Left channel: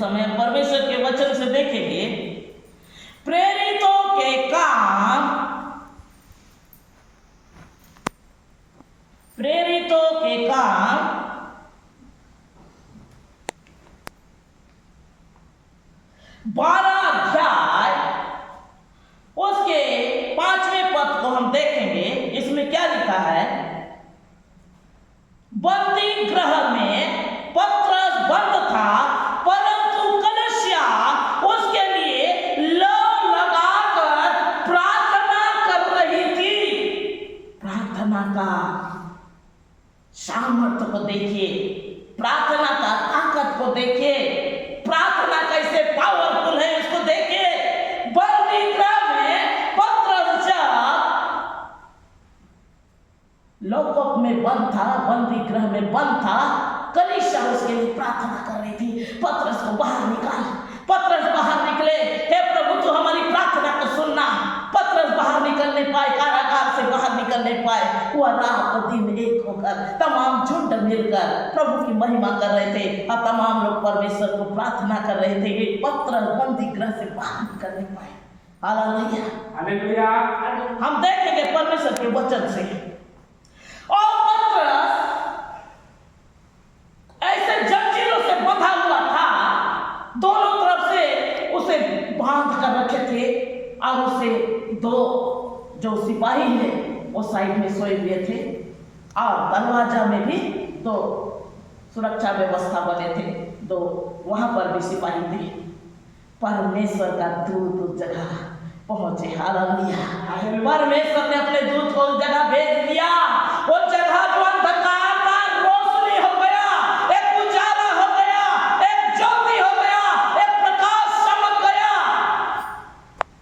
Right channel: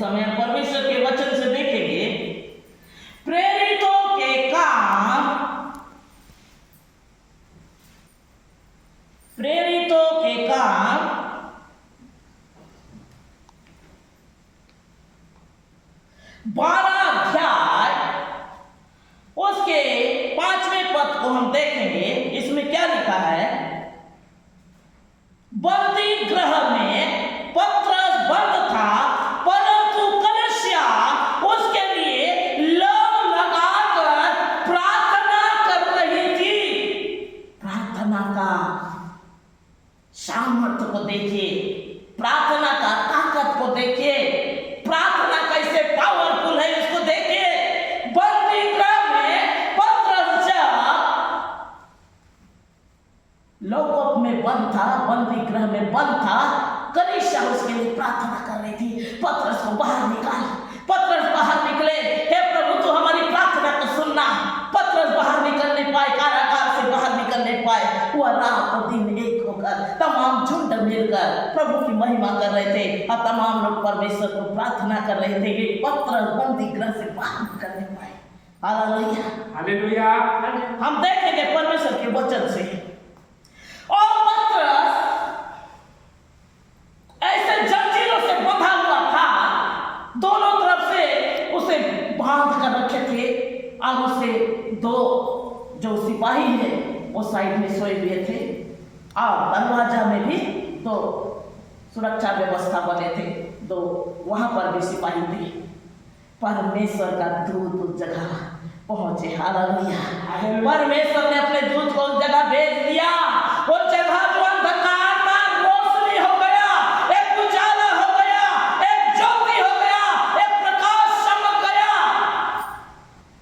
समय हम परमेश्वर के वचन से देखेंगे प्रेरितों के काम, प्रेरितों के काम 12 अध्याय उसके 5वें पद को हम देखेंगे। इसमें क्या लिखा है? बंदी गृह में पत्रस बंद था, परंतु कलीसिया उसके लिए लौ लगाकर प्रार्थना कर रही थी। प्रार्थना का सामर्थ्य को देखिए, प्रार्थना का ताकत को देखिए, प्रार्थना कैसे पावरफुल है उसको देखिए। बंदी गृह में पत्रस जब लॉकअप में बंद था, बंदी गृह में बंद था, कलीसिया उसके लिए प्रार्थना कर रही थी, पत्रस को बाहर निकाल। पत्रस बाहर निकले, हे प्रभु तू हमारी प्रार्थना को सुनना। पत्रस बाहर निकल नहीं पाए, कारागार से बाहर निकल नहीं पाए। वह रात और दिन एक होकर तमाम झुंड मिलकर प्रभु की महिमा कर रहे थे और तमाम लोग परमेश्वर को प्रार्थना कर रहे थे। ये पत्रस बंदी गृह से बाहर निकल नहीं पाए। Hallelujah, hallelujah. हम देखेंगे परमेश्वर के वचन से। और पत्रस ऐसे जंजीरों से बंधा हुआ था, दोनों तरफ से उसे बांध कर रखे थे और उसे दो जो सिपाही है वो साइड में सोए हुए थे और दरवाजा में भी दो सुरक्षा व्यवस्था बने थे, दो वहां पर भी सिपाही थे। परमेश्वर का दूत उस जगह पहुंचे। हालेलुया। परमेश्वर ने अपने दूत को उस जगह भेज दिया। उस जगह जो अंधकार था रोशनी हो गया, एक उजाला हो गया, एक ज्योति हो गया, एक प्रकाश चमक गया।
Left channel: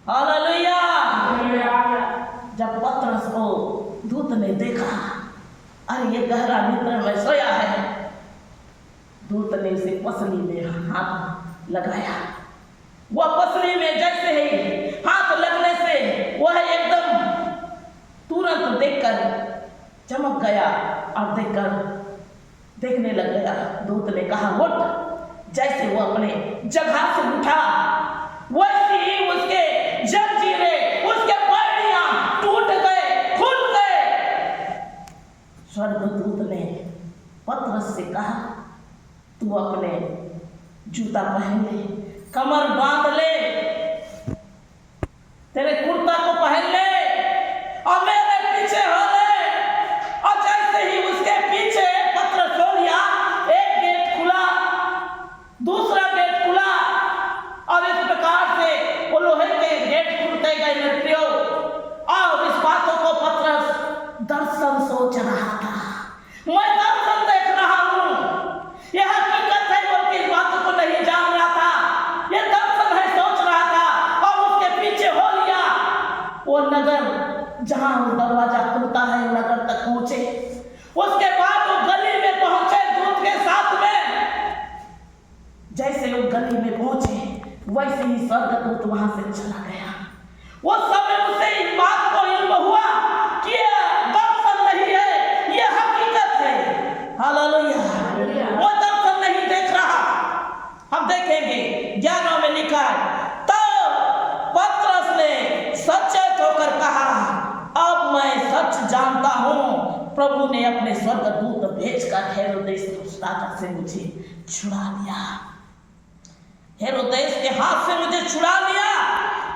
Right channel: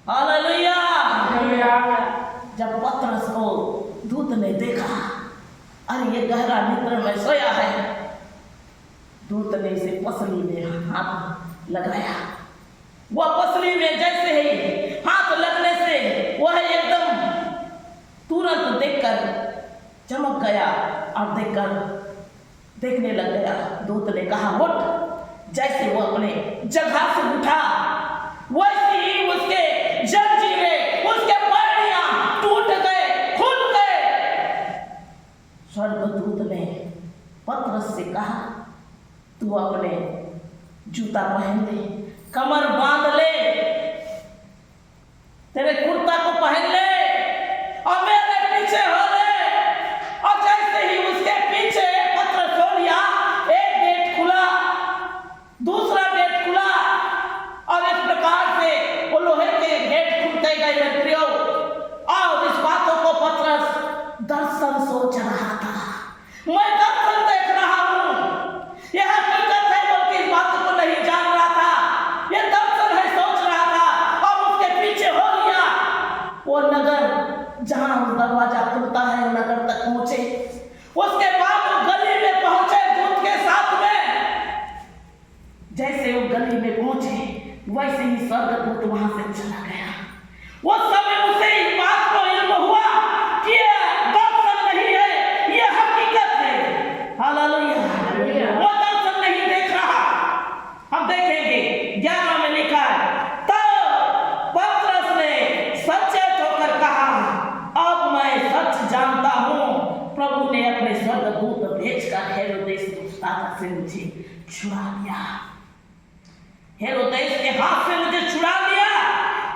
हालेलुया। जब पत्रस को दूत ने देखा, अरे ये गहरा निद्रा में सोया है, दूत ने उसे पसली में हाथ लगाया। वह पसली में जैसे ही हाथ लगने से वह एकदम तुरंत देखकर चमक गया और देखने लग गया। दूत ने कहा उठ। जैसे वो अपने जगह से उठा, वैसे ही उसके जंजीरें, उसके पैड़ियां टूट गए, खुल गए। स्वर्गदूत ने पत्रस से कहा तू अपने जूता पहन ले, कमर बांध ले, तेरे कुर्ता को पहन ले और मेरे पीछे हो ले। और जैसे ही उसके पीछे पत्रस हो लिया, एक गेट खुला, दूसरा गेट खुला और इस प्रकार से वो लोहे के गेट खुलते गए मेरे प्रियो। और इस बातों को पत्रस दर्शन सोच रहा था। मैं दर्शन देख रहा हूं, यह हकीकत है बल्कि इस बातों को नहीं जान रहा था। ये दर्शन है सोच रहा था। और उसके पीछे हो लिया वो नगर, जहां वो दरवाजा खुलता है नगर तक पहुंचे। उसके बाद वो गली में पहुंचे दूत के साथ में। जैसे वो गली में पहुंचे वैसे ही स्वर्गदूत वहां से चला गया। वो समय उसे इस बात को इल्म हुआ कि यह दर्शन नहीं है, यह हकीकत है। हालेलुया। वो दर्शन नहीं देख रहा। हम देखेंगे 11 में लिखा है, तो पत्रस ने सचेत होकर कहा अब मैं सच जानता हूं, प्रभु ने अपने स्वर्गदूत भेजकर हेरोदेस राजा से मुझे छुड़ा लिया। हेरोदेस के हाथ से मुझे छुड़ा लिया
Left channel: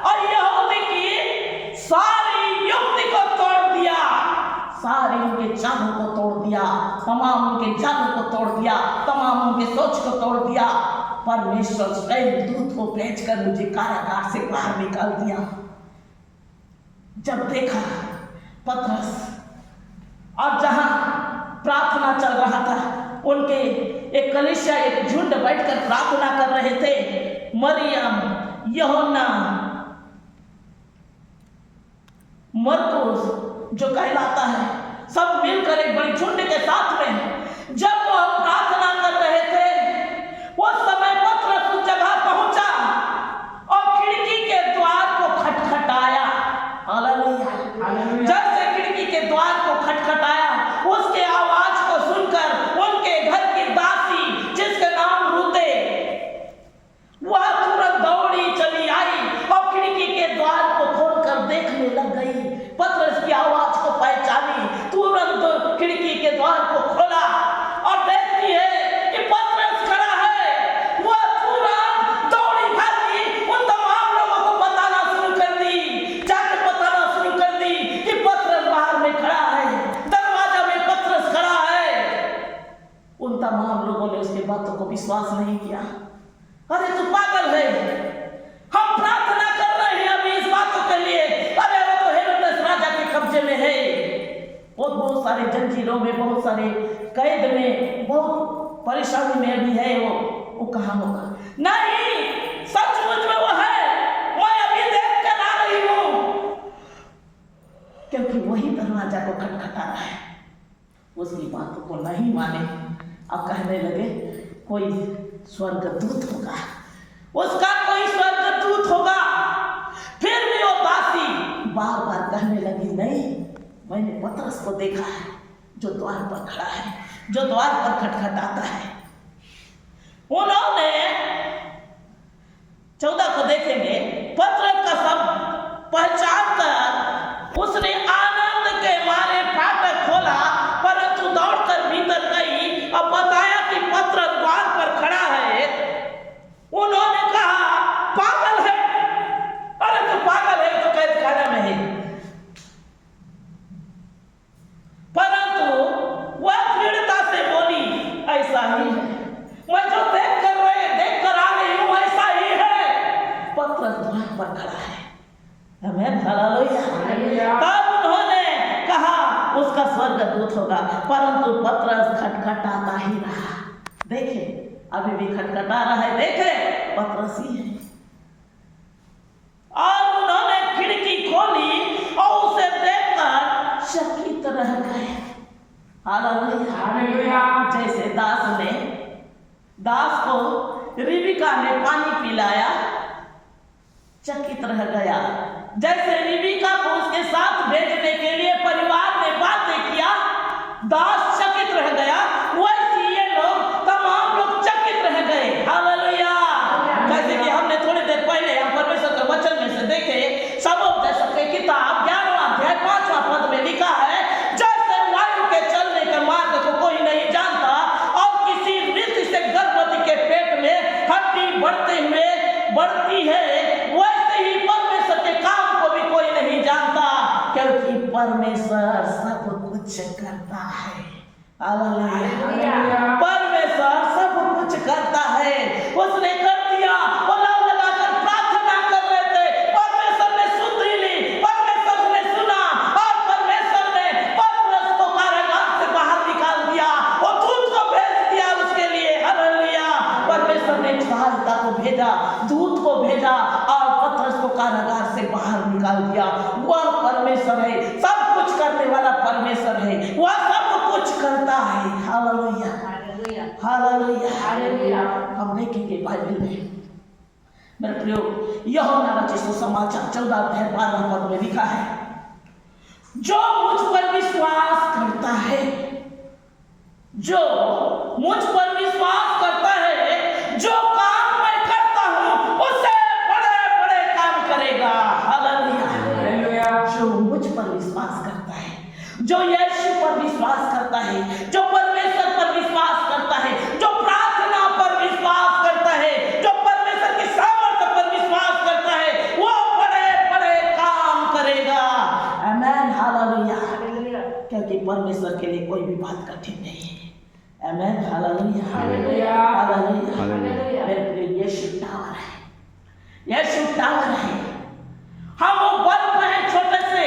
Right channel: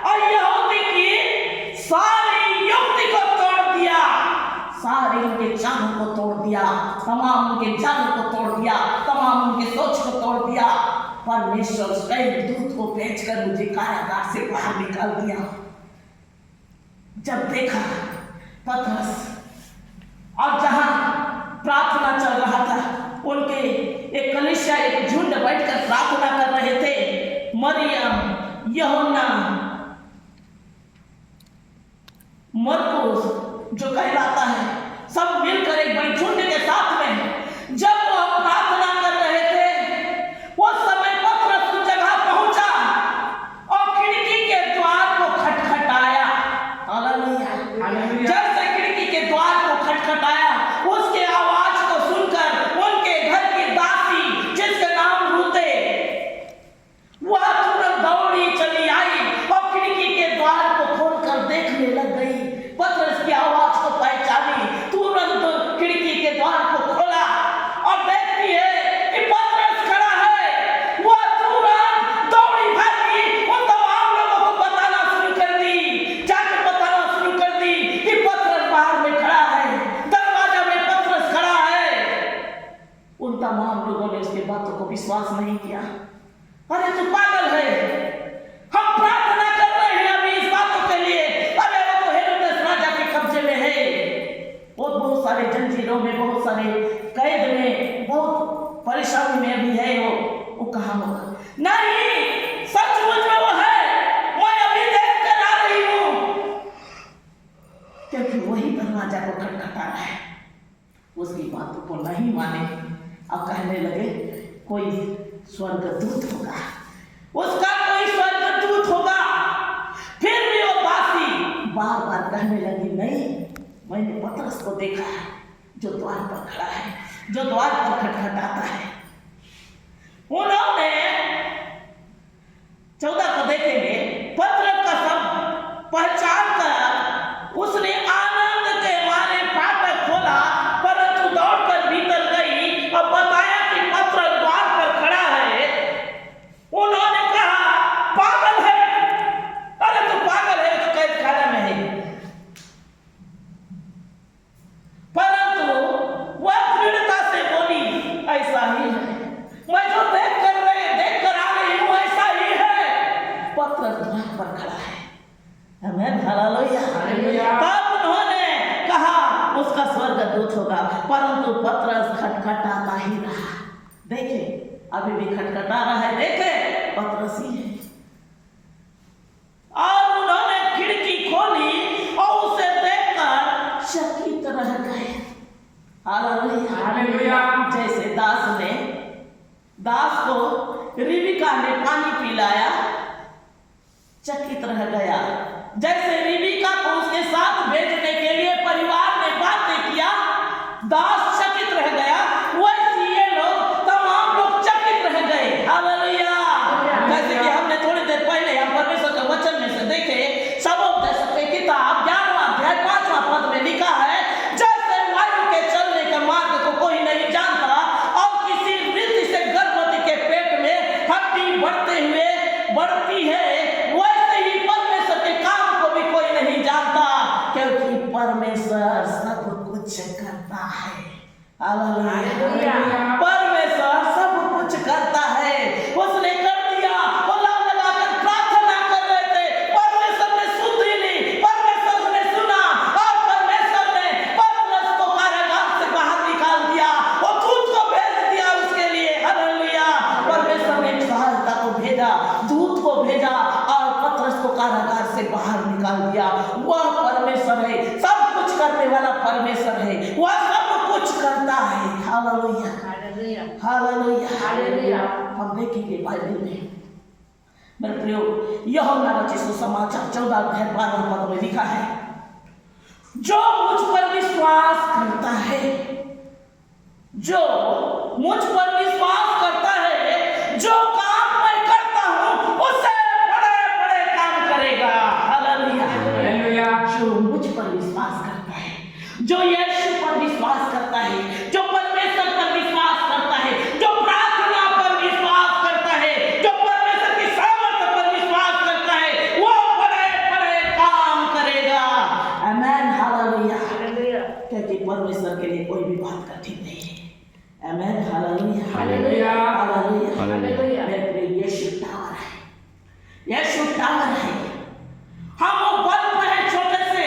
और यहूदी की सारी युक्ति को तोड़ दिया, सारे उनके चालों को तोड़ दिया, तमाम उनके जालों को तोड़ दिया, तमाम उनके सोच को तोड़ दिया। परमेश्वर स्वयं दूत को भेजकर मुझे कारागार से बाहर निकाल दिया। जब देखा पत्रस और जहां प्रार्थना चल रहा था, उनके एक कलीसिया, एक झुंड बैठकर प्रार्थना कर रहे थे। मरियम, यूहन्ना, मरकुस जो कहलाता है, सब मिलकर एक बड़ी झुंड के साथ में जब वो प्रार्थना कर रहे थे, उस समय पत्रस उस जगह पहुंचा और खिड़की के द्वार को खटखटाया। हालेलुया। जैसे खिड़की के द्वार को खटखटाया, उसके आवाज को सुनकर उनके घर की दासी जिसका नाम रूते, उसकी बातों को विश्वास नहीं किया। अरे तू पागल है, हम प्रार्थना कर रहे हैं अभी इस बातों के लिए। अरे वो तो हेरोदेस राजा के कब्जे में है, वो बहुत सारे जंजीरों में, बहुत सारे कैद में, बहुत परेशानी में भी है। वो कहाँ होगा? नहीं, सचमुच में वो है, मैं अभी देख कर आ रही हूँ। क्योंकि वही दरवाजा को खटखटा रहा है। उसकी बातों को नहीं माने, अब कहने लगे कोई स्वर्गदूत होगा, उसका कोई स्वर्गदूत होगा। फिर भी वो दासी बार बार कहने लगी, नहीं, मैंने पतरस को देखा है जो द्वार पर खड़ा है, जो द्वार पर खटखटाता है। उन्होंने 14 को देखेंगे, पतरस का सब पहचान कर उसने आनंद के मारे फाटक खोला, परंतु दौड़कर भीतर गई और बताया कि पतरस द्वार पर खड़ा है। उन्होंने कहा पागल है, अरे तू पागल है, तो कैद खाना में है। परंतु वह दृढ़ता से बोली, ऐसा ही है, मैं जो देख कर आ रही हूं ऐसा ही है। पतरस द्वार पर खड़ा है। आमीन, हालेलुया। तब उन्होंने कहा उसका स्वर्गदूत होगा, परंतु पतरस खटखटाता ही रहा। देखे, अभी भी खटखटा रहा है, देखे पतरस ही है। और उन्होंने खिड़की खोली और उसे देखकर चकित रह गए। हालेलुया। जैसे दास को रिबिका ने पानी पिलाया, चकित रह गया। जैसे रिबिका को उसके साथ भेजने के लिए परिवार ने बातें किया, दास चकित रह गया, वैसे ये लोग तमाम लोग चकित रह गए। हालेलुया। जैसे कि हमने थोड़ी देर पहले हम परमेश्वर के वचन में से देखे, सबोपदेश की किताब 11वां अध्याय 5वां पद में लिखा है, जैसे वायु के चलने के मार्ग को कोई नहीं जानता और किसी रीति से गर्भवती के पेट में हड्डी बढ़ती है, वैसे ही परमेश्वर के काम को भी कोई नहीं जानता, क्योंकि परमेश्वर सब कुछ करता है। हालेलुया। परमेश्वर सब कुछ करता है। उसने कर दिया। वो लाव लगाकर प्रार्थना कर रहे थे, परमेश्वर ने सुन ली, परमेश्वर ने सुना और परमेश्वर ने पतरस को कारागार से बाहर निकाल दिया। वो दूत को भेज दिया उसके लिए। हालेलुया। परमेश्वर ने सहायता को भेजा, दूत को भेजा और पतरस को कारागार से बाहर निकाल दिया। वह परमेश्वर है, सब कुछ करने वाला परमेश्वर है, वह सब कुछ करता है। Hallelujah, hallelujah. हम देखेंगे बाइबल में, मेरे प्रियो, यूहन्ना रचित सुसमाचार 14 अध्याय 12 पद में लिखा है, जो मुझ पर विश्वास करता है, जो मुझ पर विश्वास करता है, जो काम मैं करता हूं उससे बड़े बड़े काम करेगा। हालेलुया। जो मुझ पर विश्वास करता है, जो यीशु पर विश्वास करता है, जो परमेश्वर पर विश्वास करता है, जो प्रार्थना पर विश्वास करता है, जो परमेश्वर की सामर्थ्य पर विश्वास करता है, वो बड़े बड़े काम करेगा। आमीन, हालेलुया। क्योंकि परमेश्वर के लिए कोई भी बात कठिन नहीं है। आमीन, हालेलुया, हालेलुया। मेरे प्रिय, यीशु टावर है, यीशु टावर है। हम वो बल्ब हैं छोटे से,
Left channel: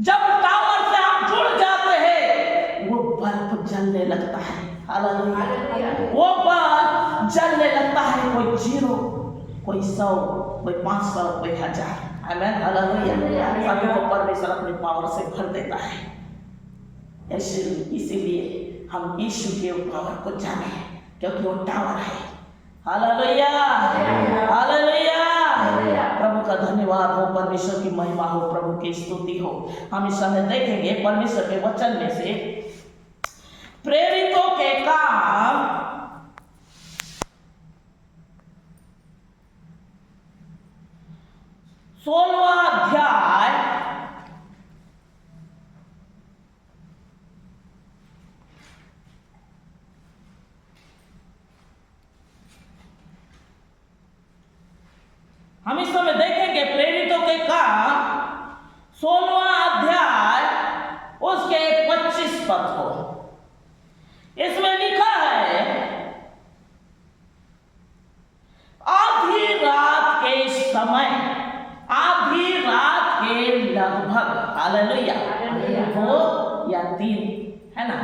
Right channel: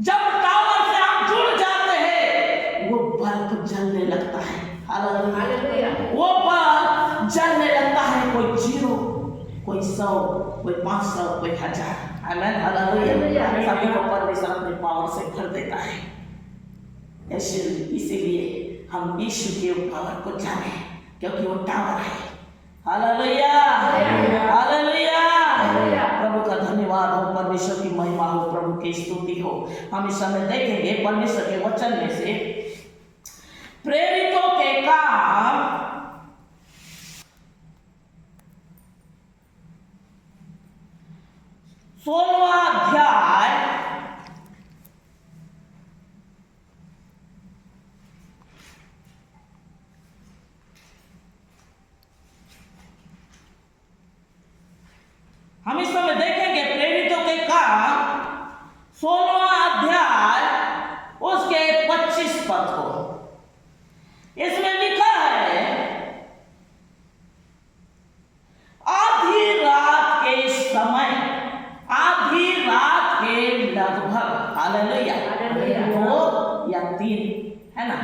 जब टावर से हम जुड़ जाते हैं वो बल्ब जलने लगता है। हालेलुया। वो बल्ब जलने लगता है, कोई 0, कोई 100, कोई 500, कोई 1000। आमीन, हालेलुया। सभी को परमेश्वर अपने पावर से भर देता है। इसीलिए हम यीशु के पावर को जाने, क्योंकि वो टावर है। Hallelujah, hallelujah. प्रभु का धन्यवाद हो, परमेश्वर की महिमा हो, प्रभु की स्तुति हो। हम इस समय देखेंगे परमेश्वर के वचन में से प्रेरितों के काम 16वां अध्याय 16वां अध्याय उसके 25 पद को। इसमें लिखा है, आधी रात के समय, आधी रात के लगभग, हालेलुया, 2 या 3 है ना,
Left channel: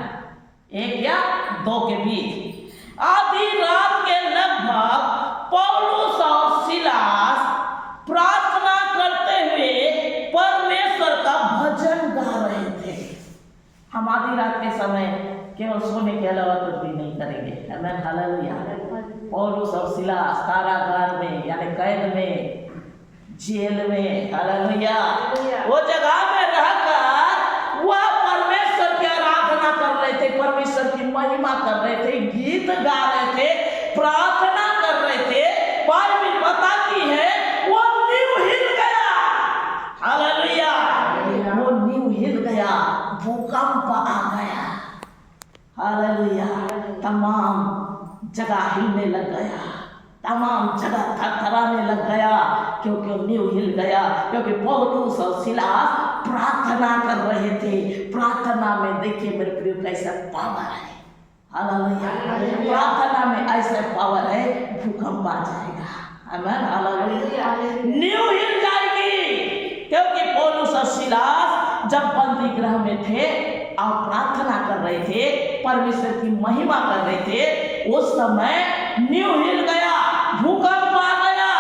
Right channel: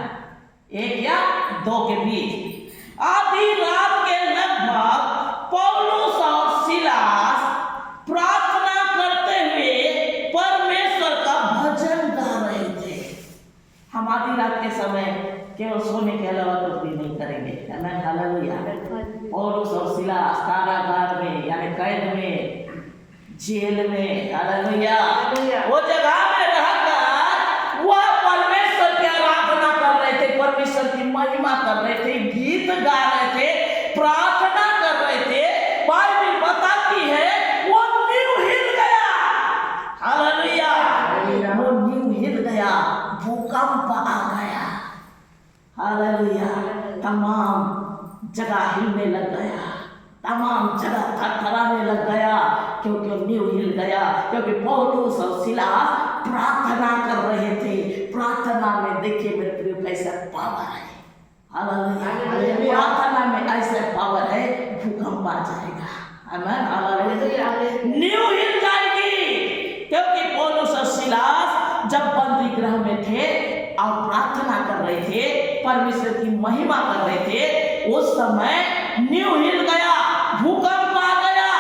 1 या 2 के बीच, आधी रात के लगभग पौलुस और सिलास प्रार्थना करते हुए परमेश्वर का भजन गा रहे थे। हम आधी रात के समय केवल सोने के अलावा कुछ भी नहीं करेंगे, आमीन, हालेलुया। पौलुस और सिलास कारागार में यानी कैद में, जेल में, हालेलुया, वो जगह में रहकर वह परमेश्वर की आराधना कर रहे थे, परमेश्वर की महिमा कर रहे थे, गीत गा रहे थे, प्रार्थना कर रहे थे। बाइबल बताती है वो नींव हिल गया, हालेलुया, वो नींव हिल गया, भूकंप आ गया, हालेलुया, तमाम जगह हिलने लग गया, तमाम जगह थरथराने लग गया, क्योंकि नींव हिल गया, क्योंकि पौलुस और सिलास प्रार्थना कर रहे थे। प्रार्थना में देखिए मेरे प्रिय कैसा पावर है, हालेलुया, प्रार्थना में ऐसा पावर है, भूकंप आ जाएगा, आमीन, हालेलुया, नींव हिल जाएगी। क्योंकि पौलुस और सिलास जब बंदी गृह में थे और प्रार्थना कर रहे थे, परमेश्वर की महिमा कर रहे थे, उस समय नींव हिल गया, भूकंप आ गया,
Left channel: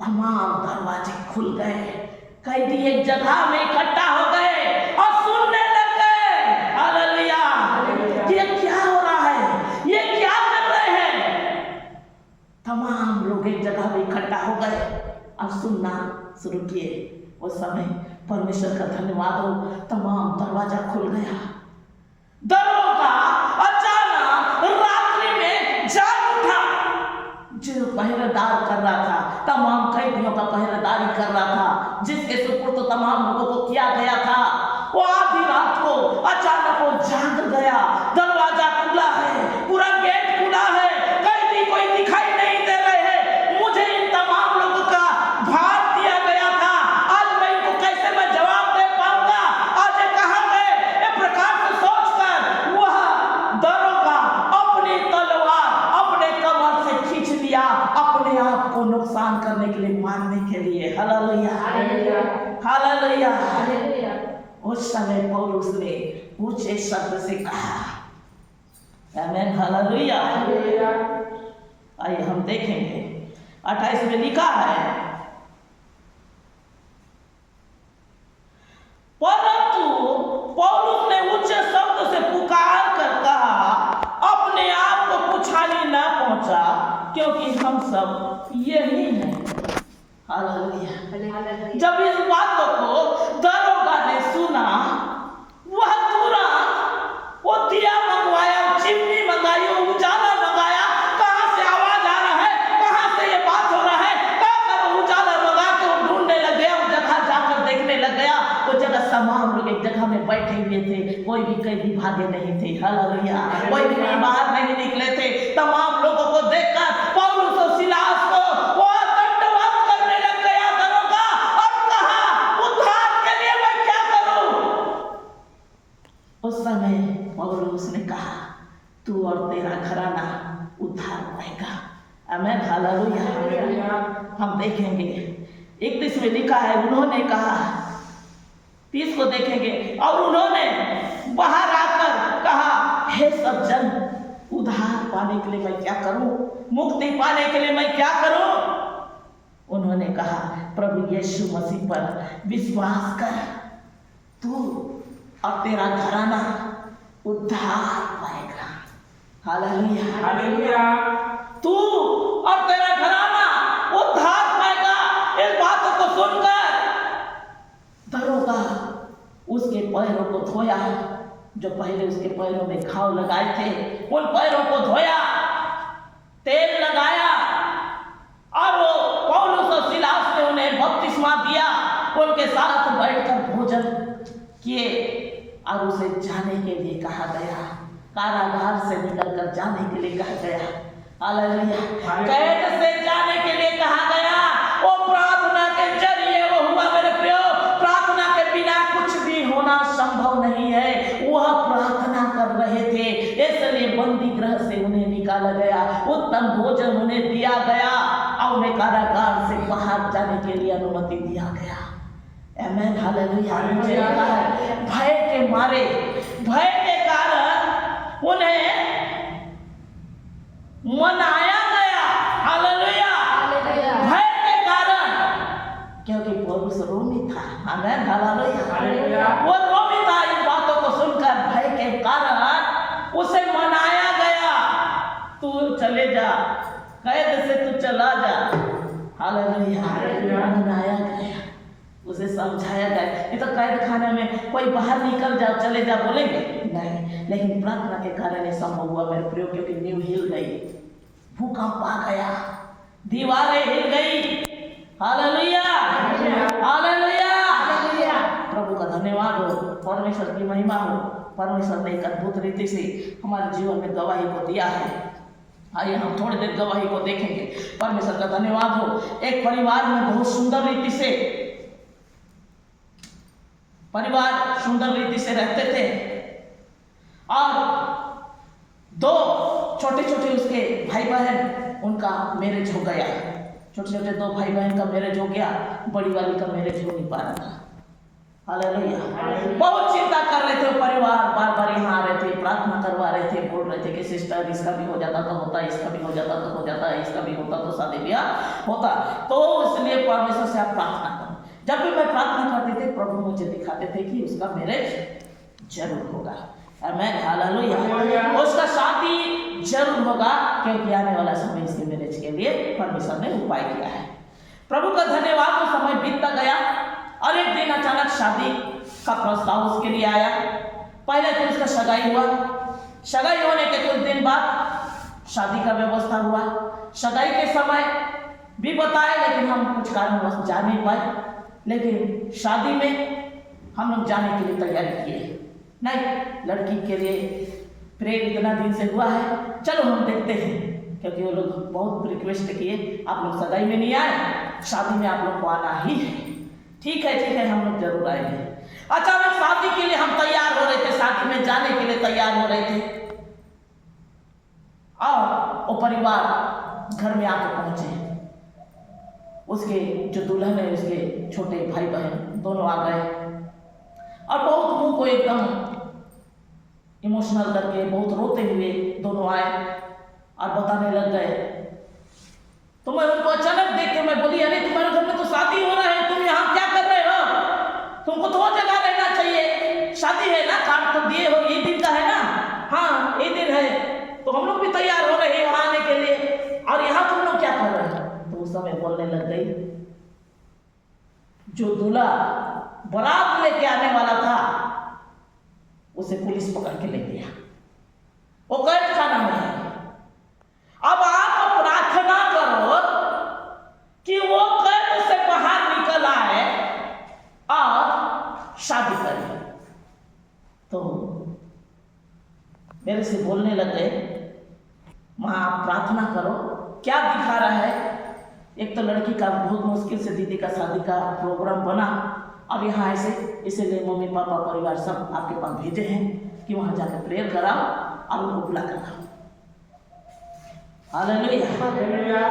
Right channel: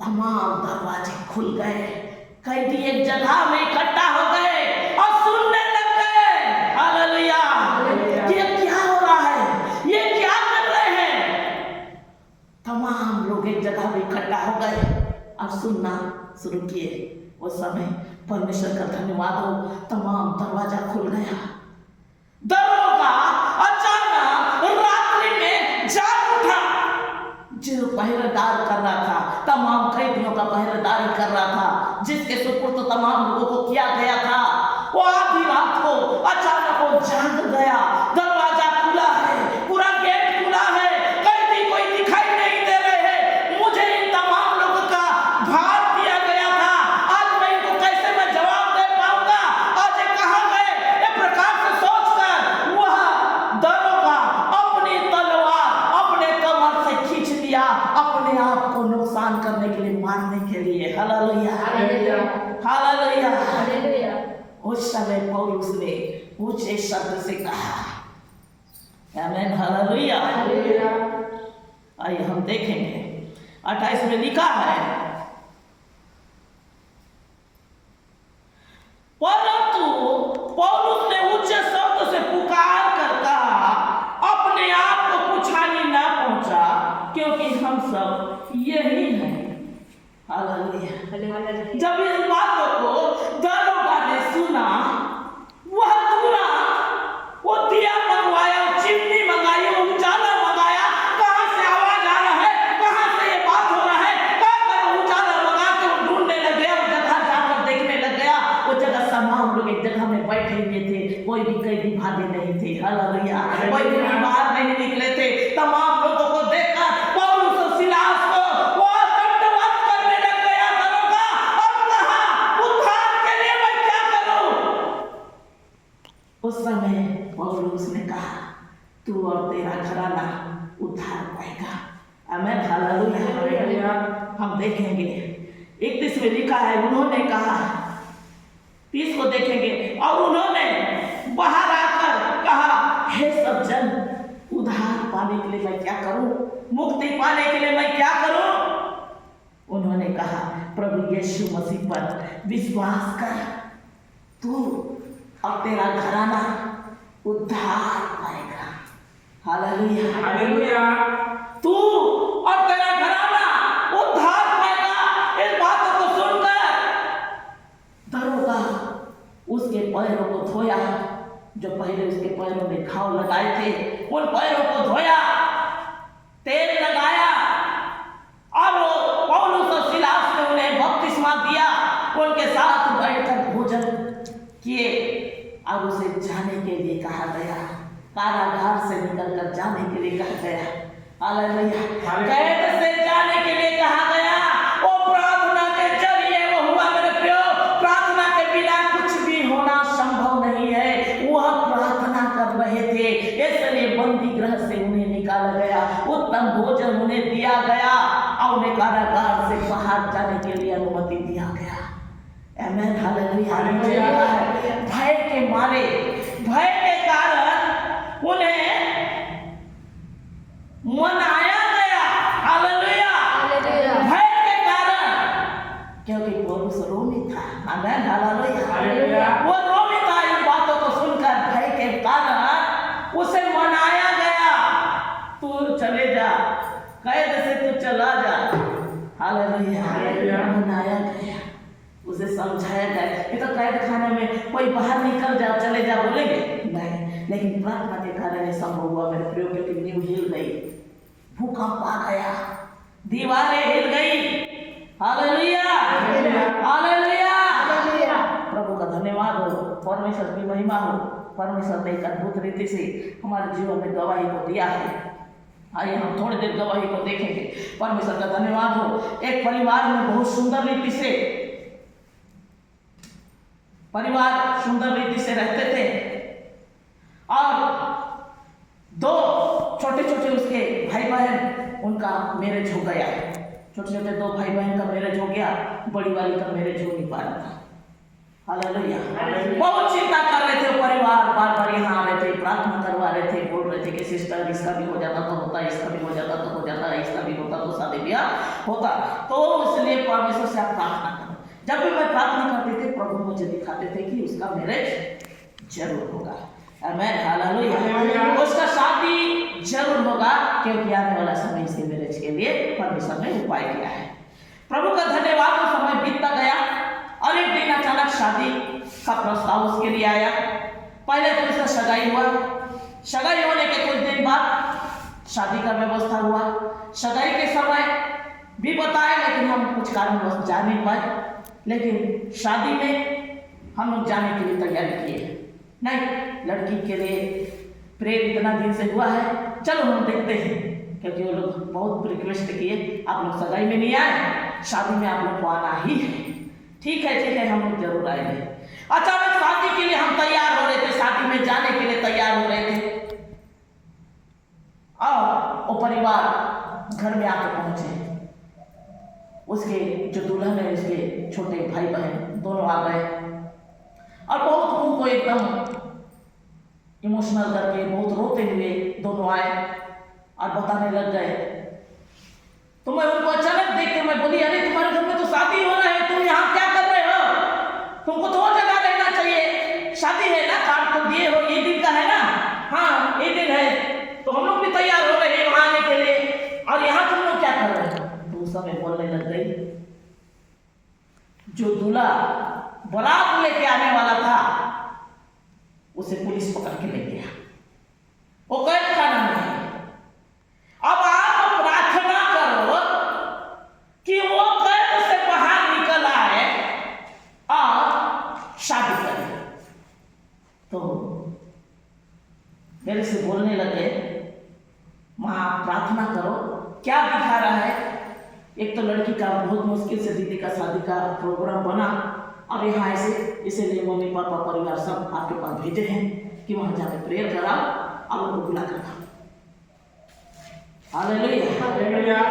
तमाम दरवाजे खुल गए, कैदी एक जगह में इकट्ठा हो गए और सुनने लग गए, हालेलुया, ये क्या हो रहा है, ये क्या कर रहे हैं। तमाम लोग एक जगह में इकट्ठा हो गए और सुनना शुरू किए। उस समय परमेश्वर का धन्यवाद हो, तमाम दरवाजा खुल गया। दरोगा अचानक रात्रि में जाग उठा, जो पहरेदार कर रहा था, तमाम कैदियों का पहरेदारी कर रहा था, जिसके सुपुर्द तो तमाम लोगों को किया गया था, वो आधी रात को अचानक वो जाग गया। दरवाजा खुला है, पूरा गेट खुला है, कैदी कोई दिखाई नहीं दे रहे हैं। मुझे इन तमाम लोगों का भार दिया गया था, आज मैं इनको कैसे मैं जवाब दे पाऊंगा, आज ये कहाँ गए, ये प्रकार से सोचकर वह दरोगा अपनी तलवार अपने कमर से खींच लिया, अपने आप को नुकसान करने के लिए, मारने के लिए, हालेलुया, हालेलुया। उस समय पौलुस ने ऊंचे शब्द से कहा, आमीन, हालेलुया। आइए हम देखेंगे 28 में लिखा है, परंतु पौलुस ने ऊंचे शब्द से पुकार कर कहा, अपने आप को कुछ हानि न पहुंचा, क्योंकि हम सब यही हैं, हालेलुया। जब इस बातों को दरोगा ने सुना, वह तुरंत वो दिया मंगवाया, चिमनी मंगाई, उजाला मंगाया, कहाँ से आवाज आ रहा है, कहाँ से ये बात हो रहा है, उजाला मंगा के वो ढूंढने लग गया, वो जगह जाकर देखने लग गया। वो जगह तमाम लोग एक जगह में बैठे हुए थे, कोई भी कैदी भागे नहीं थे, हालेलुया, कोई भी बाहर नहीं निकले थे। तमाम लोगों को देखकर पौलुस और सिलास को वो दंडवत करने लग गया दरोगा, और कहा, उद्धार के लिए मैं क्या करूं। उस समय पौलुस ने कहा, तू और तेरा घराना उद्धार पाएगा, आमीन, हालेलुया। हम देखेंगे 31 में लिखा है, उन्होंने कहा, 30 को देखेंगे, और उन्होंने बाहर आकर कहा, हे सब जन, उद्धार पाने के लिए मैं क्या करूं, मुक्ति पाने के लिए मैं क्या करूं। उन्होंने कहा, प्रभु यीशु मसीह पर विश्वास कर, तू और तेरा घराना उद्धार पाएगा, हालेलुया, हालेलुया। तू और तेरा घराना उद्धार पाएगा। इस बातों को सुनकर दरोगा उसके पैरों को धोया, जो पहले उसके पैरों में घाव लगाए थे, उन पैरों को धोया, तेल लगाया, और वो पौलुस और सिलास ने उन्हें बपतिस्मा दिया, उनके साथ बैठकर भोजन किए, और उसे जाने के लिए कहा गया, कारागार से निकलकर जाने के लिए कहा गया, हालेलुया, कैद से जाने के लिए कहा गया। वो प्रार्थना के जरिए वो हुआ मेरे प्रियो। प्रार्थना के बिना कुछ भी होना संभव नहीं है। वह प्रार्थना इंतजार कर रहे थे, इसलिए बंदी गृह से उन्हें निकाला गया, उत्तम भोजन उन्हें दिया गया और उन्हें कारागार से बाहर जाने के लिए अनुमति दिया गया। आमेन, हालेलुया। नीचे लिखा है भय के मारे, भय के कारण उन्हें मनाया गया। हालेलुया, भय के कारण, क्योंकि पौलुस रोमी था। आमेन, हालेलुया। वो रोमी था। इन बातों को सुनकर भय के कारण उसे मनाया गया, तू चले जा, कैद से तू चला जा। हालेलुया, मनाया गया, उसे समझाया गया। ये तो कैद खाने में कोई बाहर निकल जा, चले जा बोलेंगे नहीं, लेकिन प्रार्थना के कारण ये संभव हुआ मेरे प्रियो, क्योंकि नींव हिल गई, भूकंप आ गया, दीवारें हिल गई। Hallelujah, hallelujah. प्रभु का धन्यवाद हो, परमेश्वर की महिमा हो। परमेश्वर ने एक अद्भुत रीति से हमारे जीवन में गवाही को दिया है। आइए हम थोड़ी देर गवाही को देखेंगे। परमेश्वर का धन्यवाद हो। एक परिवार में बहुत सुंदर रीति से रहते थे और दो छोटे छोटे उसके भाई बहन, उनका मैरिज हो गया। छोटे छोटे दो भाई बहन का मैरिज हो गया, बड़ी वाली का मैरिज हो नहीं पा रहा था। हालेलुया। बहुत चिंता कर रहे थे परिवार, बार बार यहाँ आ रहे थे, प्रार्थना करवा रहे थे, बोल रहे थे कि सिस्टर इसका भी हो जाता तो होता, इसका भी हो जाता तो हो जाता, इसका भी होता तो शादी ब्याह होता। तो इसलिए परमेश्वर से आप प्रार्थना करो। जब भी मैं प्रार्थना करती थी, प्रभु मुझे दिखाते थे कि उसका मैरिज जरूर होगा। आमेन, हालेलुया। उसका शादी जरूर होगा, क्योंकि आने वाला समय इसी मैरिज के लिए परमेश्वर ने उपाय किया है। प्रभु का धन्यवाद। वो समय बीतता गया और एक दिन अचानक शादी का प्रस्ताव उसके लिए आया। पहले तो उसका सगाई हुआ, सगाई होने के कुछ दिन बाद शादी का व्यवस्था हुआ। सगाई के समय भी बताए, लेकिन हम कुछ कारणवश जा नहीं पाए। लेकिन शादी में हम लोग जाने के लिए तैयारी किए। नहीं, लड़की के लिए प्रेम इतना दिन से हुआ है, चलो हम देखते हैं, क्योंकि वो लोग बहुत रिक्वेस्ट किए, आप लोग सगाई में नहीं आए, शादी में आप लोग को आना ही है। ठीक है, हम लोग जरूर आएंगे। अचानक शादी के लिए हम तैयार हो रहे थे, शादी में जाने के लिए तैयार हो रहे थे और वो परिवार घर में आकर पहुंचे। उसके जो दुल्हन है, उसके छोटे भाई बहन दोनों आ गए और बहुत मुंह को एकदम इमोशनल करके, बहुत रोते हुए दोनों आए और बताने लग गए। तो मैं उनको अचानक देख के मैं बोली, अरे तुम्हारे घर में तो शादी हो रहा है, तुम यहाँ क्या कर रहे हो? तुमको तो और जगह रहना चाहिए, शादी है ना, कार्ड तो दिए हो, ये दिन का है ना? हाँ, ये दिन है, तो हम लोग भी तैयार हो रहे हैं वहां आने के लिए, और यहाँ तुम लोग क्या कर रहे हो? तो उस समय बोलने लग गई, जो दूल्हा बारात लेके आने वाला था उसे पुलिस पकड़ के ले गया, वो कैद खाना में है। अब आप प्रार्थना करो कि वो कैद से बाहर निकल आए और शादी करे। तो मेरे से बोलने लगे, मां आप प्रार्थना करो, क्या दिखा रहा है? एक तो लड़की का बहुत मुश्किल से दीदी का शादी का प्रोग्राम बना और यहाँ ऐसे, इसीलिए मम्मी पापा परिवार सब आपके पास भेजे हैं कि वहां जाकर प्रेयर कराओ और उनको बुला कर आओ। हालेलुया।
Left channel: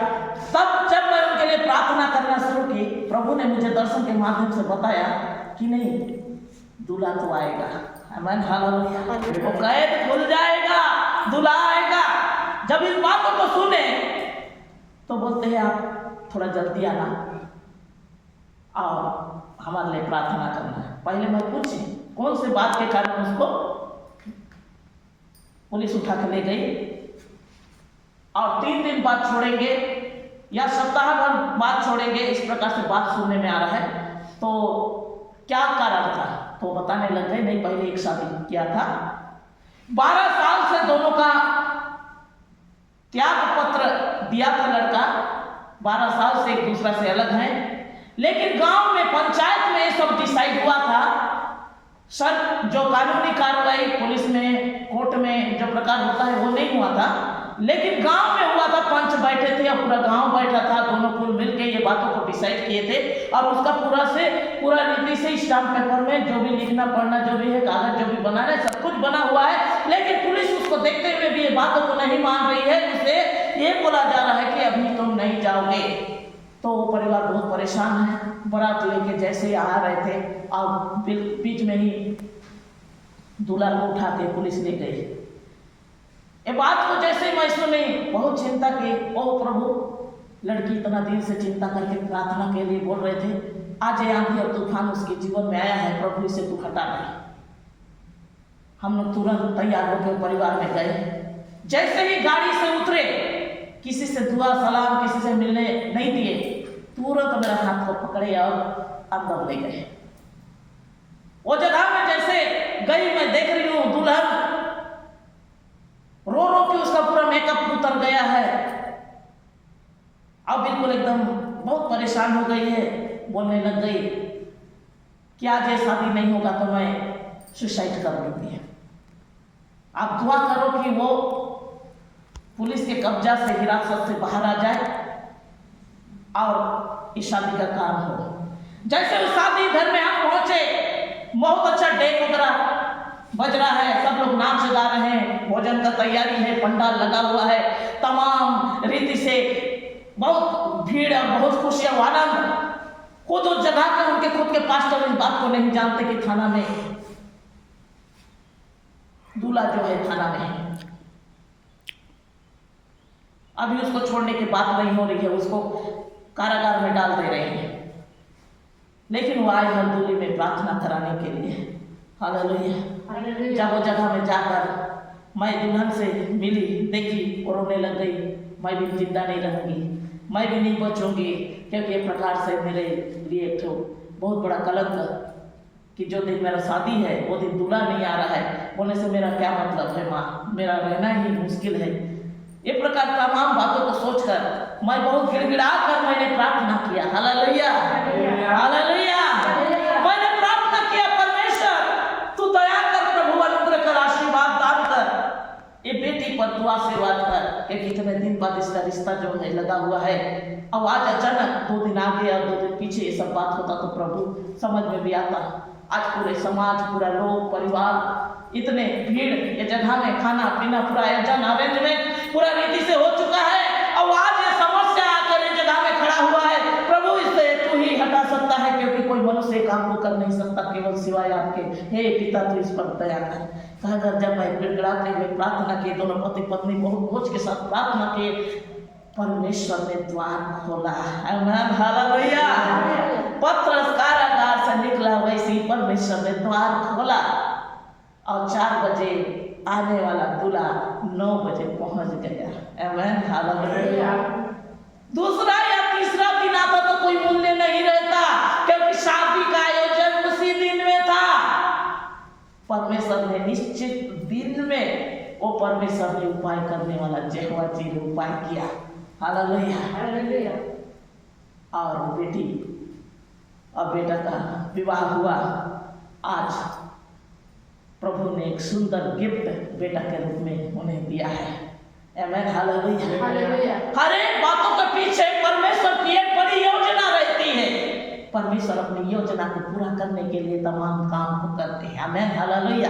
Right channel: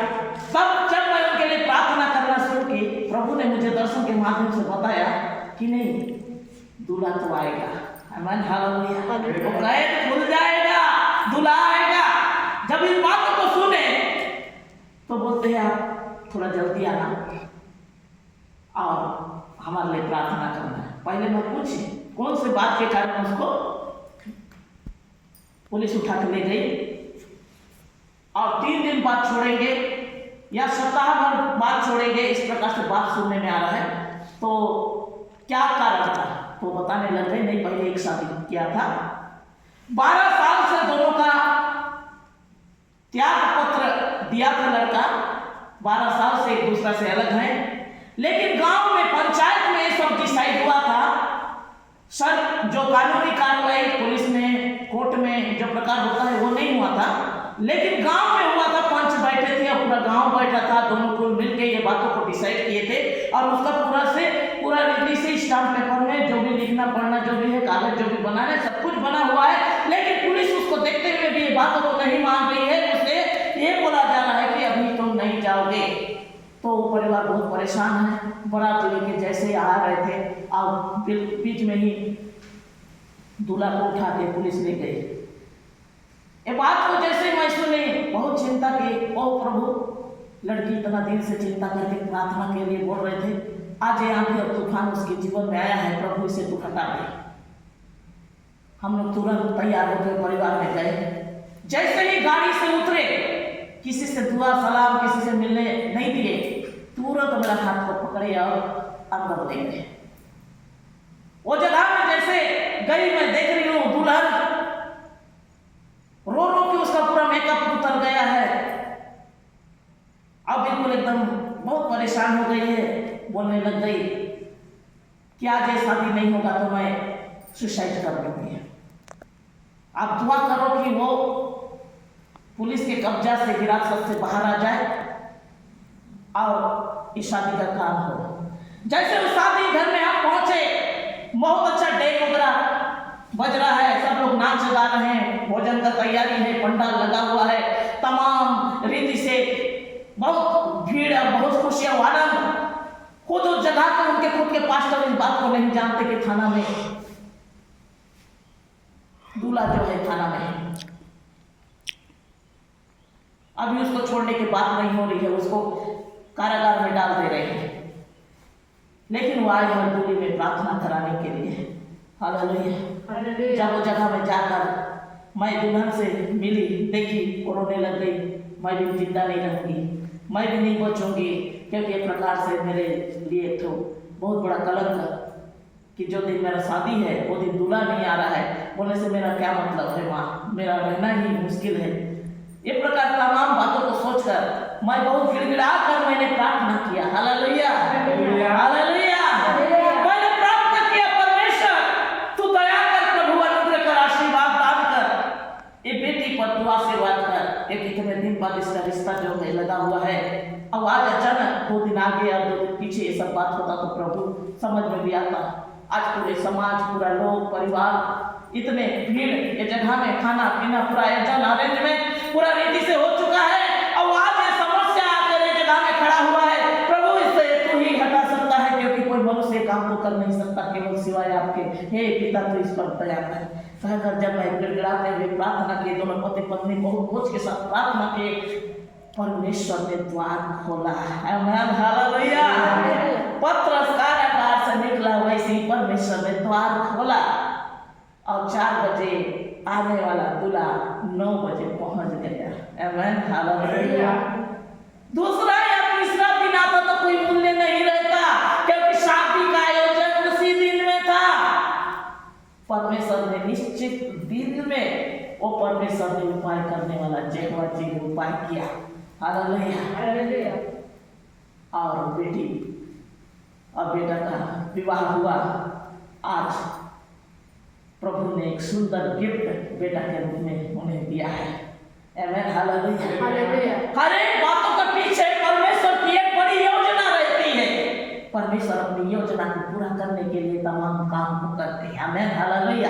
तब जब मैं उनके लिए प्रार्थना करना शुरू की, प्रभु ने मुझे दर्शन के माध्यम से बताया कि नहीं, दूल्हा तो आएगा। आमीन, हालेलुया। वो कैद खुल जाएगा, दूल्हा आएगा। जब इस बातों को सुने तो बोलते हैं आप थोड़ा जल्दी आना और हमारे लिए प्रार्थना करना है। पहले मैं पूछी कौन से बात के कारण उसको पुलिस उठा के ले गई और 3 दिन बाद छोड़ेंगे या सप्ताह भर बाद छोड़ेंगे, इस प्रकार से बात सुनने में आ रहा है। तो क्या कारण था? तो बताने लग गए, नहीं पहले एक शादी किया था, 12 साल से दोनों का त्याग पत्र दिया था लड़का, 12 साल से एक दूसरा से अलग हैं। लेकिन गांव में पंचायत में ये सब डिसाइड हुआ था, सर जो कानूनी कार्रवाई पुलिस में कोर्ट में जो प्रकार होता है वो नहीं हुआ था। लेकिन गांव में हुआ था, पंच बैठे थे और पूरा गांव बैठा था, दोनों कुल मिलके ये बातों को डिसाइड किए थे और उसका पूरा रीति से स्टाम्प पेपर में जो भी लिखना पढ़ना जो भी है, कागज जो भी बनाना है, सब कुछ बना हुआ है। लेकिन पुलिस उसको देखते हुए भी ये बातों को नहीं मान रही है। उसे ये बोला जा रहा है कि अभी तुम नहीं जाओगे। तो वो परिवार बहुत परेशान है। बारात लेके जैसे ही आ रहे थे और बीच में ही दूल्हा को उठा के पुलिस ले गई। ये बात को जैसे मैं सुनी, बहुत चिंता की। ओ प्रभु, लड़की इतना दिन से चिंता करके प्रार्थना के लिए बोल रहे थे, आज ये आंधी और तूफान उसके जीवन में आया है, प्रभु इसे तू हटा दे। हम लोग तुरंत तैयार होकर परिवार में गए। जैसे ही गाड़ी से उतरे, किसी से दुआ सलाम किसी से मिलने नहीं दिए, तुरंत मेरा हाथ को पकड़े और अंदर ले गए। वो जगह में जैसे गई, मैं देख रही हूँ दुल्हन रो रो के उसका पूरा मेकअप उतर गया है। अब बिल्कुल एकदम बहुत परेशान हो गई है। बोलने लग गई कि आज ये शादी नहीं होगा तो मैं सुसाइड कर लूंगी। आप दुआ करो कि वो पुलिस के कब्जा से, हिरासत से बाहर आ जाए और इस शादी का काम हो। जैसे उस शादी घर में हम पहुंचे, बहुत अच्छा डेक वगैरह बज रहा है, सब लोग नाच गा रहे हैं, भोजन का तैयारी है, पंडाल लगा हुआ है, तमाम रीति से बहुत भीड़ और बहुत खुशियां, आनंद। खुद उस जगह के उनके खुद के पास्टर इस बात को नहीं जानते कि थाना में दूल्हा जो है थाना में है। अभी उसको छोड़ने की बात नहीं हो रही है, उसको कारागार में डाल दे रहे हैं। लेकिन वो आए हैं दूल्हे में प्रार्थना कराने के लिए। हालेलुया। जब वो जगह में जाकर मैं दुल्हन से मिली, देखी, वो रोने लग गई। मैं भी जिंदा नहीं रहूंगी, मैं भी नहीं बचूंगी, क्योंकि ये प्रकार से मेरे लिए तो बहुत बड़ा कलंक कि जो दिन मेरा शादी है वो दिन दूल्हा नहीं आ रहा है, बोलने से मेरा क्या मतलब है माँ, मेरा रहना ही मुश्किल है। ये प्रकार तमाम बातों को सोचकर मैं बहुत गिड़गिड़ा कर मैंने प्रार्थना किया। Hallelujah, hallelujah. मैंने प्रार्थना किया, परमेश्वर तू दया कर, प्रभु अनुग्रह कर, आशीर्वाद दान कर, ये बेटी पर तू आशीर्वाद कर। एक इतने दिन बाद इसका रिश्ता जो है लगा हुआ है। अब आज अचानक 2 दिन आगे और 2 दिन पीछे ये सब बात होता तो प्रभु समझ में भी आता। आज पूरे समाज, पूरा लोग, परिवार, इतने भीड़, ये जगह में खाना पीना पूरा आयोजन अरेंजमेंट पूरा रीति से हो चुका है। अब आज ये समस्या आकर ये जगह में खड़ा हुआ है। प्रभु इससे तू ही हटा सकता है, क्योंकि कोई मनुष्य काम को कर नहीं सकता केवल सिवाय आपके। हे पिता, तू इस पर दया कर। कहकर जब मैं गिड़गिड़ाते हुए प्रार्थना किए, दोनों पति पत्नी बहुत बोझ के साथ प्रार्थना किए, परमेश्वर ने द्वार खोला। आमीन, हालेलुया। पत्रस कारागार से निकला, वैसे ही परमेश्वर ने द्वार खोला और 4 बजे आने वाला दूल्हा 9 बजे पहुंच गया। आमीन, हालेलुया। दूसरा या तीसरा दिन आता तो कोई मूल्य नहीं रहता, क्योंकि शादी का आयोजन उसी दिन में था। परमेश्वर ने निश्चित दिन में, वो परमेश्वर ने उपाय करने वाला यहोवा जी ने उपाय किया। हालेलुया। और बेटी और बेटा का विवाह हुआ। आज प्रभु ने एक सुंदर गिफ्ट बेटा के रूप में उन्हें दिया है। आमीन, हालेलुया। हर एक बातों के पीछे परमेश्वर की एक बड़ी योजना रहती है। परमेश्वर अपनी योजना को पूरा करने के लिए तमाम काम को करते हैं। आमीन, हालेलुया।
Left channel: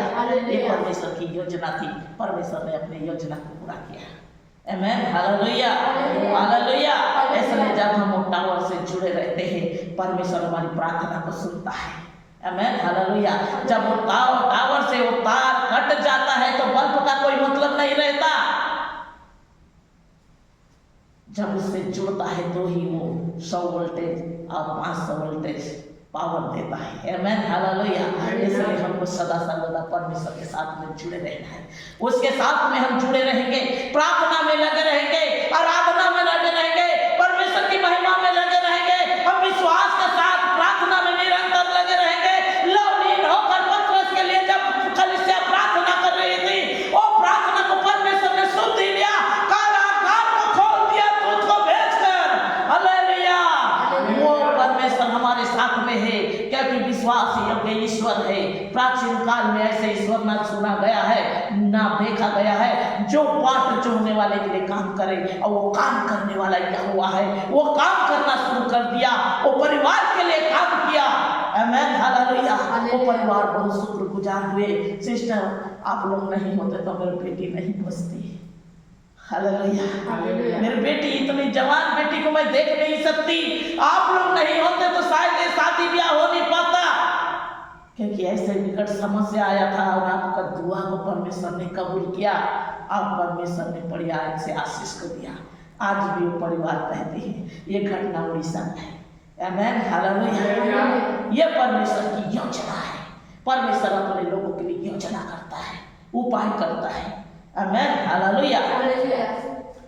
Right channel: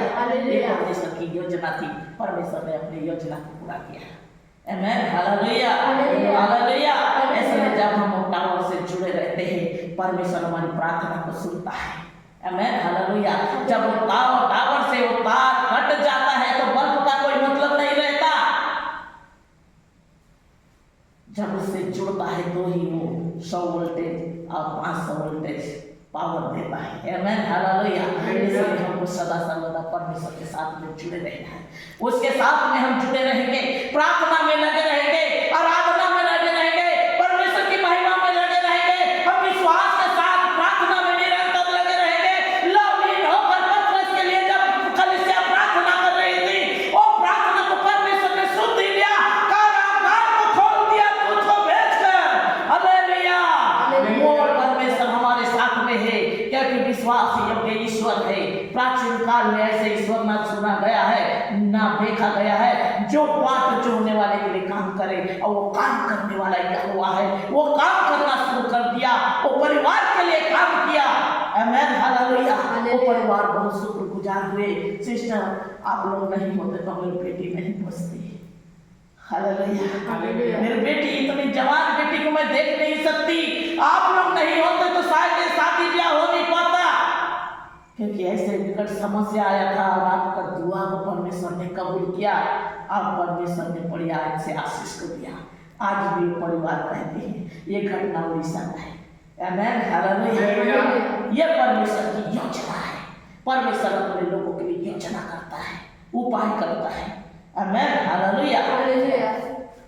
ये परमेश्वर की योजना थी, परमेश्वर ने अपनी योजना को पूरा किया। आमीन, हालेलुया, हालेलुया। ऐसे जब हम टावर से जुड़े रहते हैं, परमेश्वर हमारी प्रार्थना को सुनता है। आमीन, हालेलुया। जब वो टावर से वो तार कट जाता है तो बल्ब का कोई मतलब नहीं रहता। जब उससे जुड़ता है तो ही वो 100 वोल्टेज और 500 वोल्टेज पावर देता है। आमीन, हालेलुया। इसलिए हमको सदा सर्वदा परमेश्वर के साथ में जुड़े रहना है। उसके साथ में हम जुड़े रहेंगे, प्रार्थना में लगे रहेंगे, आराधना में लगे रहेंगे, परमेश्वर की महिमा में लगे रहेंगे। हम विश्वास के साथ प्रार्थना में निरंतर लगे रहेंगे। लवलीन होकर पत्रस के लिए जब कलीसिया प्रार्थना कर रही थी, वो प्रार्थना को परमेश्वर ने सुन लिया, कारागार को खोल दिया दूध को भेजकर। हालेलुया। वो परमेश्वर हमारे साथ में है, क्योंकि विश्वास योग्य ईश्वर है। प्राचीन काल काल में ऐसे ईश्वर ना सुना गया है ना देखा गया है। जो बाट जोड़ने वाले के लिए काम करे और वो काम करने वाला यहोवा है। वो काम करना शुरू कर दिया, वो परिवार के लिए काम किया। आमीन, हालेलुया। वो परिवार बहुत शुक्रगुजार हुए। सिस्टर, आप लोग नहीं होते तो मेरी बेटी नहीं बचती। हालेलुया। मेरी बेटी, इतनी जवान बेटी को मैं देख नहीं सकती। आप लोग नहीं होते तो शायद ये शादी ब्याह हो नहीं पाता, क्योंकि ऐसे विकट समस्या आया था और आपका दुआ को परमेश्वर ने कबूल किया। आप परमेश्वर ने बड़ी आग से आशीष को दिया। आज भी वो परिवार कहते हैं। ये घटना उड़ीसा में है। आमीन, हालेलुया। ये परमेश्वर की योजना है। परमेश्वर अपने लोगों के लिए योजना करता है, उपाय करता है। आमीन, हालेलुया।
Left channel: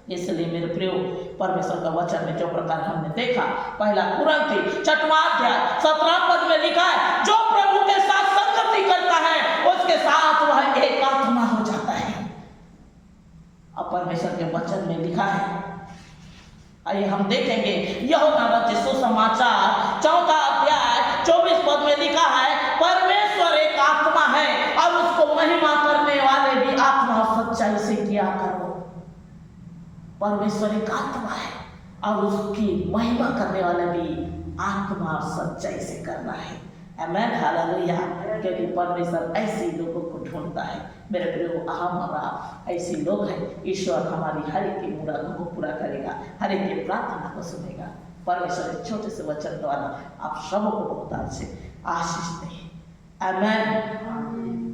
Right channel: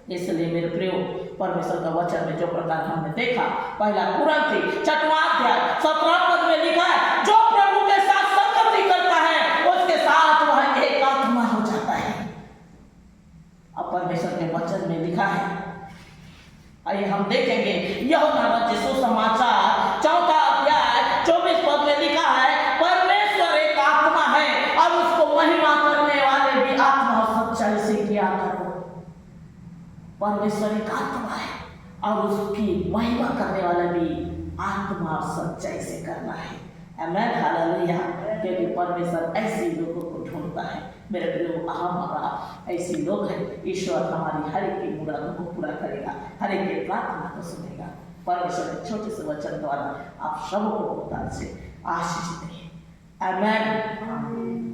इसलिए मेरे प्रियो, परमेश्वर का वचन में जो प्रकार हमने देखा, पहला कुरिन्थी 6वां अध्याय 17 पद में लिखा है, जो प्रभु के साथ संगति करता है उसके साथ वह एक आत्मा हो जाता है। अब परमेश्वर के वचन में लिखा है, आइए हम देखेंगे यूहन्ना रचित सुसमाचार 4 अध्याय 24 पद में लिखा है, परमेश्वर एक आत्मा है और उसको महिमा करने वाले भी आत्मा और सच्चाई से किया करो। परमेश्वर एक आत्मा है और उसकी महिमा करने वाला भी आत्मा और सच्चाई से करना है। आमीन, हालेलुया। क्योंकि परमेश्वर ऐसे लोगों को ढूंढता है। मेरे प्रियो, हमारा ऐसे लोग हैं। ईश्वर हमारी हर एक की मुरादों को पूरा करेगा, हर एक की प्रार्थना को सुनेगा। परमेश्वर के छोटे से वचन द्वारा आप सबको बहुत से आशीष दें। आमीन।